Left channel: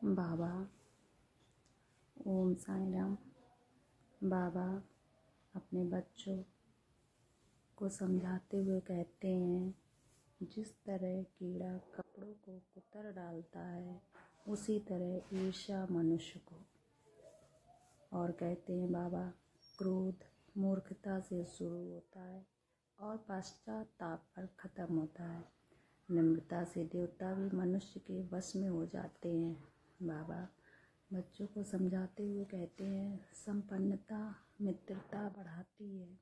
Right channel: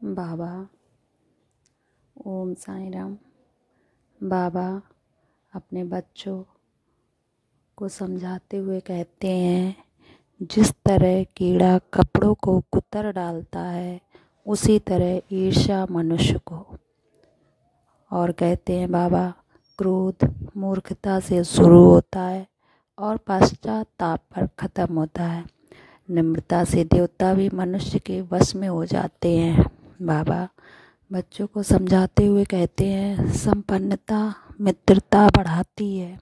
बाबा ओम साईं राम। बाबा अपने बच्चों को समझाते हुए कहते हैं, जिस तरह कीड़ा कपड़ों को कुतर डालता है उसी तरह ईर्ष्या मनुष्य को। और कहते हैं बाबा, क्रोध मूर्खता से शुरू होता है और पश्चाताप पर ख़त्म होता है। निम्रता से देवता भी मनुष्य के वश में हो जाते हैं। बाबा बच्चों को समझाते हुए कहते हैं, संपन्नता मित्रता बढ़ाती है,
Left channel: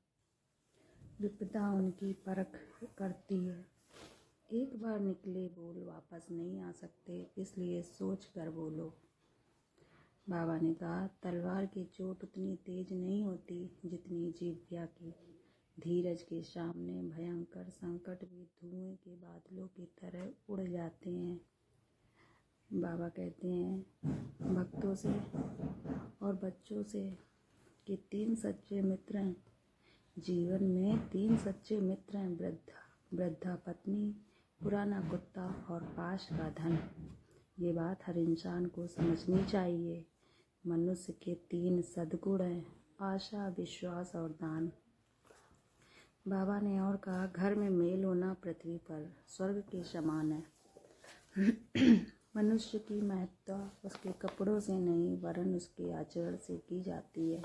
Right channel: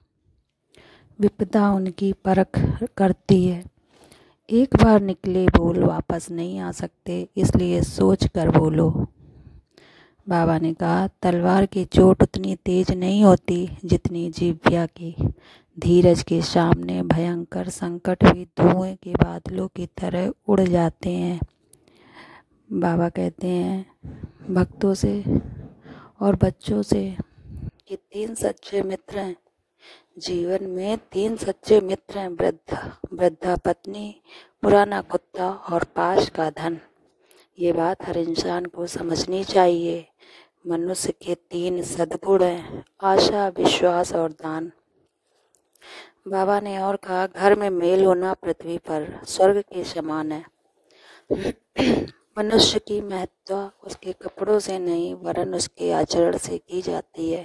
विपदा उनकी परख करती है। एक बार निकले बोल वापस नहीं आ सकते, इसलिए सोच कर बोलो। बाबा ने कहा, तलवार की चोट उतनी तेज नहीं होती जितनी जीभ्या की। धीरज के सामने भयंकर संकट भी धुएं के बादलों की तरह उड़ जाते हैं। बाबा कहते हैं भक्तों से और बच्चों से कि 3 सच्चे मित्र हैं जीवन में। 3 सच्चे मित्र हैं, वृद्धा पत्नी, पुराना कुत्ता और पास का धन। ये बात हर इंसान को समझनी चाहिए। मनुष्य के 3 सद्गुण हैं, आशा, विश्वास और दान। बाबा ने और कहा, घर में मेल होना पृथ्वी पर स्वर्ग के समान है। मनुष्य की महत्ता उसके कपड़ों से नहीं वरन उसके आचरण से की जाती है।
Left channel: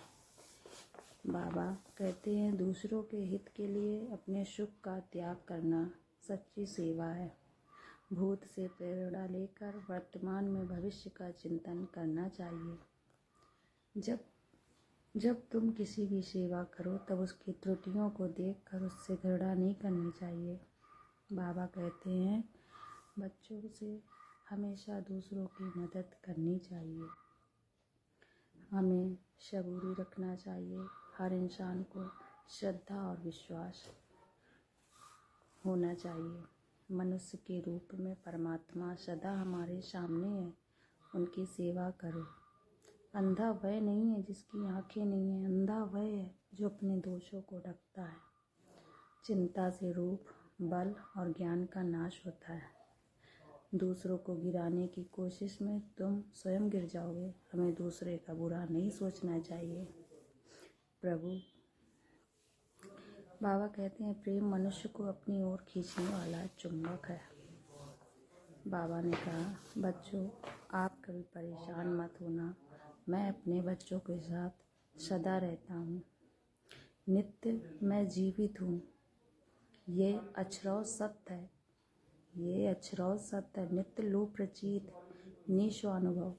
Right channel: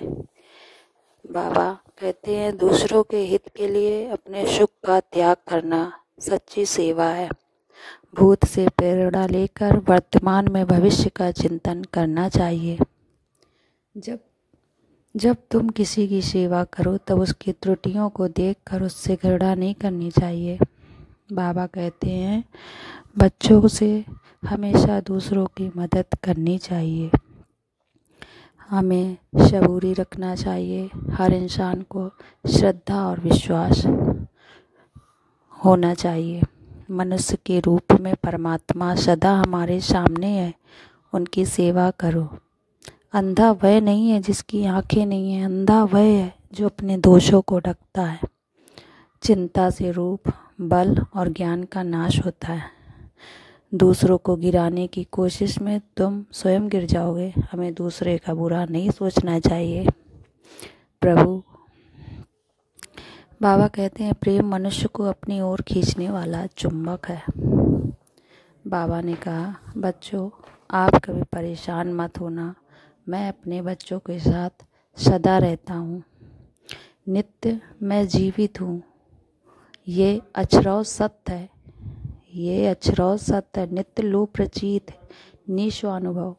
बाबा कहते हैं, दूसरों के हित के लिए अपने सुख का त्याग करना सच्ची सेवा है। भूत से प्रेरणा लेकर वर्तमान में भविष्य का चिंतन करना चाहिए। जब तुम किसी की सेवा करो तब उसकी त्रुटियों को देखकर उससे घृणा नहीं करनी चाहिए। बाबा कहते हैं, बच्चों से हमेशा दूसरों की मदद करनी चाहिए। हमें सबूरी रखना चाहिए। हर इंसान को श्रद्धा और विश्वास होना चाहिए। मनुष्य के रूप में परमात्मा सदा हमारे सामने है, उनकी सेवा करो। अंधा वह नहीं है जिसकी आंखें नहीं हैं, अंधा वह है जो अपने दोषों को ढकता है। चिंता से रूप, बल और ज्ञान का नाश होता है। दूसरों को गिराने की कोशिश में तुम स्वयं गिर जाओगे। हमें दूसरे का बुरा नहीं सोचना चाहिए। प्रभु बाबा कहते हैं, प्रेम मनुष्य को अपनी ओर खींचने वाला चुंबक है। बाबा ने कहा, बच्चों आप कभी परेशान मत होना, मैं अपने बच्चों के साथ सदा रहता हूँ। नित्य मैं जीवित हूँ, ये अक्षरौ सत्य है। ये अक्षरौ सत्य है, नित्य लोक प्रचीत है, निस्वानुभव।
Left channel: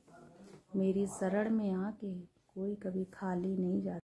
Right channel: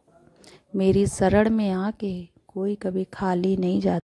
मेरी शरण में आके कोई कभी खाली नहीं जाता।